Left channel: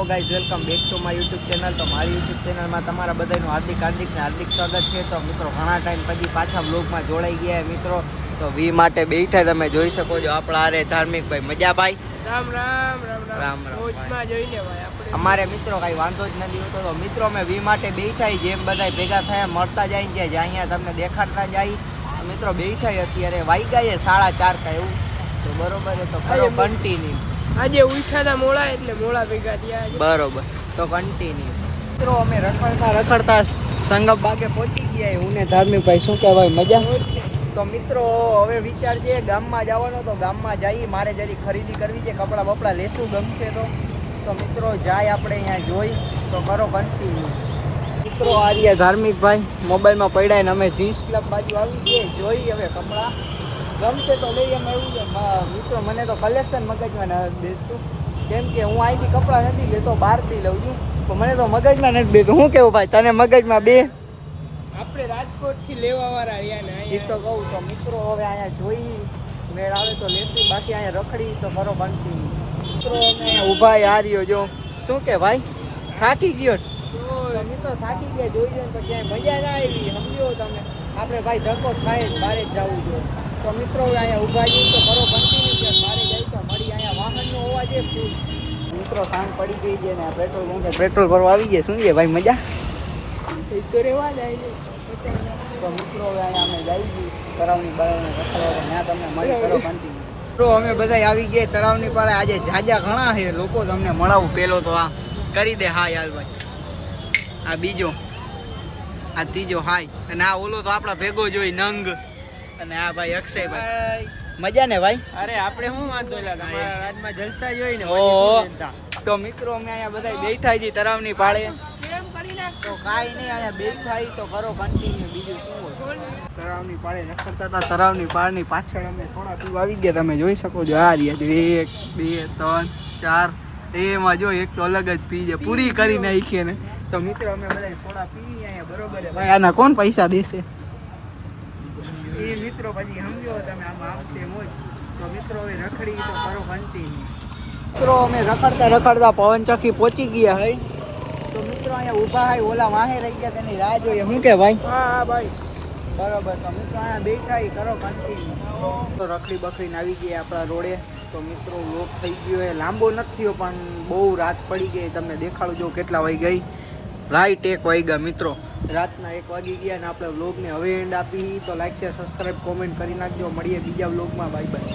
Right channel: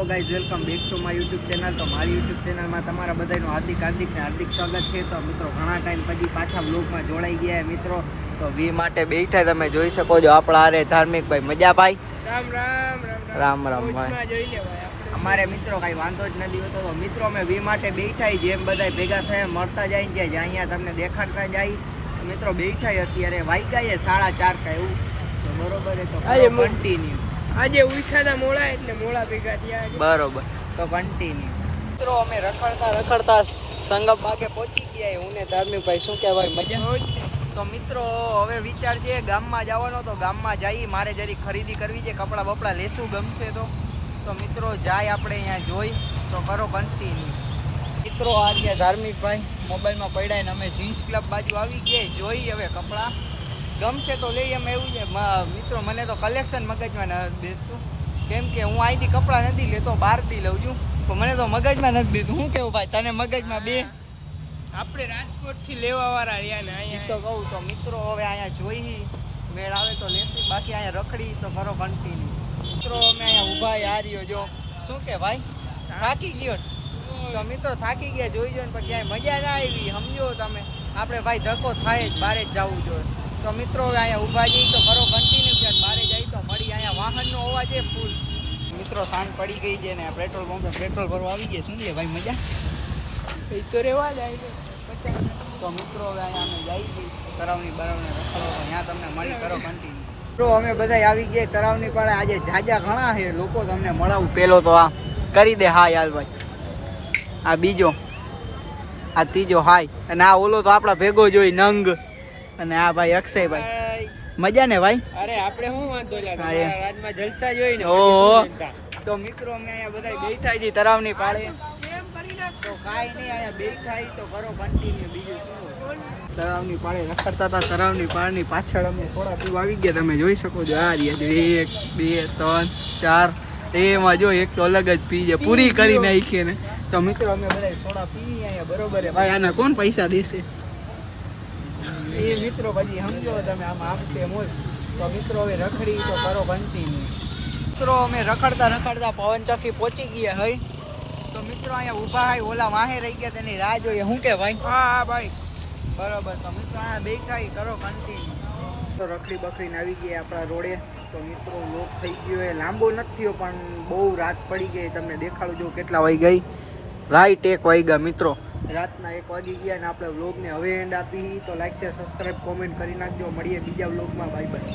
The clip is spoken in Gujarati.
તો guys welcome back to my YouTube channel. તો મારી યુટ્યુબ ચેનલમાં તમારા બધાનું હાર્દિક સ્વાગત છે. તો મિત્રો ઘણા ટાઈમ પછી પાછા વ્લોગમાં જોડાઈ ગયા મિત્રો. તો વી માટે બેઠા તમે જોઈ શકો છો આપણા આરે ધાર્મિક ભાઈ મજા ભાઈ. રામ રામ રામ રામ રામ રોજમાં જોઈને ભાઈ આપણે અમારે મિત્રો કાંઈ વાંધો જ નથી હોતો. તો મિત્રો અમે વી માટે બેઠા જેમ બધા ભેગા થયા મળતા જાય ને જ્યાં અહીંયા તમને દેખાડતા જાય મિત્રો બેઠા અત્યારે વાગ્યા 4:30 થાય એવું. તો બરોબર છે તો કરો કન્ટિન્યુ. આજે ઉઠ્યા હતા મોડા એટલે મોડા ભેગા થયા બરોબર તો કન્ટિન્યુ. મિત્રો અમે રખડતા સંગમ બાગે પહોંચી ગયા. હું ને ધાર્મિક ભાઈ શું કહેવાય મજા. તો મિત્રો હવે વિચાર છે ગામમાં જવાનો. તો ગામમાં જઈ મારે જરી ખરીદી કરવી છે, કપડાં બપડા લેશું ગમશે તો મિત્રો જાય આપણે અહીંયા જોઈ તો કરો કન્ટિન્યુ. મિત્રો આ રહ્યા ધાર્મિક ભાઈ મોબાઈલમાં પડ્યા ને અમે જીન્સ ક્લબ બાજુ આવી ગયા જોઈ હવે કપડાં ગમશે તો લઈ એમ એવું છે મિત્રો. મને તો કલેક્શન મગજમાં નથી બેસતું કેમ કે હું અહીંથી કપડાં નથી લેતો, બહારથી લઉં છું. તો મને તો મગજમાં નથી બેસતું. શું કેવું ભાઈ તને મગજમાં બે? આપણે રાજકોટ થી લેવા વાળા રહ્યા ને એ તો કહું. તો મિત્રો હવે અહીંયા જોઈ મેળ આવે તો લેશું, બાકી અહીંયા રખડી તો કરો કન્ટિન્યુ. મિત્રો અમે અહીંયા ઊભા હાર્યો જો શું કે ભાઈ થાકી ગયો. તો મિત્રો થાકી ગયા જોઈ જો ને પછી મજા ના આવી સમજો તમે. આપણે ભાઈ ધક્કો થાય જ બહાર જ જવું જોઈએ. તો મિત્રો હવે અહીંયા ઊભા જઈએ તો કરો કન્ટિન્યુ કે મારે જાય તો મળી. અહીંયા વાહનનો અવાજ એ ફૂલ. મિત્રો સાંજ પડી ગઈ છે ને પેટ્રોલ પંપે પેટ્રોલ ભરવા આવી ગયા. શું છે ભાઈ મજા? એ તો રેવા જાય. તો મિત્રો હવે અહીંયા અમે જઈ છીએ તરાવની બાળાને રખડવા ત્યાં તમને મળી કરો કન્ટિન્યુ. તો અમે બધા આવી ગયા તરાવની પાળે. આજે જાજા ઘણા છે લોકો તમને મળાવું. પેલો તો આ કરી દે હા યાર ભાઈ, આ બીજો, આ ત્રીજો હાય, અને આ ઓલો તો આપણા ભેગો જોઈ નંગ, અને આ ભાઈ અક્ષયભાઈ. મજા ને ભાઈ? અરે આપણે શું વાંધો રાજમાં જલસા જોઈ ને તો મિત્રો અમે અહીંયા બધા બેઠા છીએ તરાવની પાળે. તો કાંઈ નહીં અહીંયા બેઠા તો કરો કન્ટિન્યુ. બીજું શું હોય? તરાવની પાળે રખડતા હતા. તરાવની પાળની પાછળ અમે સોડા પીવા આવી ગયા. તમે જોઈ શકો છો આ રહ્યા 1 2 3 4 એમાં જો એક તો અલગ જ પી છે પૂરી કરી નાખી ને. તો મિત્રો અમે બધા સોડા પી અહીંયા બરોબર. ભાઈ આના કોણ પૈસા દેશે એ મિત્રો પછી સમજો તમે. આમાં આમ છે મોજ. તો મિત્રો હવે રખડી તો કરો કન્ટિન્યુ. મિત્રો અમે રખડતા પવનચક્કી પહોંચી ગયા હે. તો મિત્રો અહીંયા ઊભા હોય ઓલા વાહે રહી ગયા તેની રાહ જોઈએ. શું કે ભાઈ? હા ભાઈ બરોબર. તો મિત્રો અહીંયા બેઠા કરો કન્ટિન્યુ. તો રખડી બખડીને આવી ગઈ આપણા રોડે. તો મિત્રો લોક થઈ ગયો એ લાંબો નથી થયો પણ બહુ રાત પડી ગઈ. તમને દેખાડું જો કેટલા વાગી ગઈ. રાઈટ 1 વાગ્યા મિત્રો. રાતના 1 વાગી ગયા અને આપણે વ્લોગને હવે એન્ડ આપી. તો લાઈક શેર સબસ્ક્રાઈબ કોમેન્ટ કરી નાખજો. મળીએ બીજા વ્લોગમાં. Bye bye.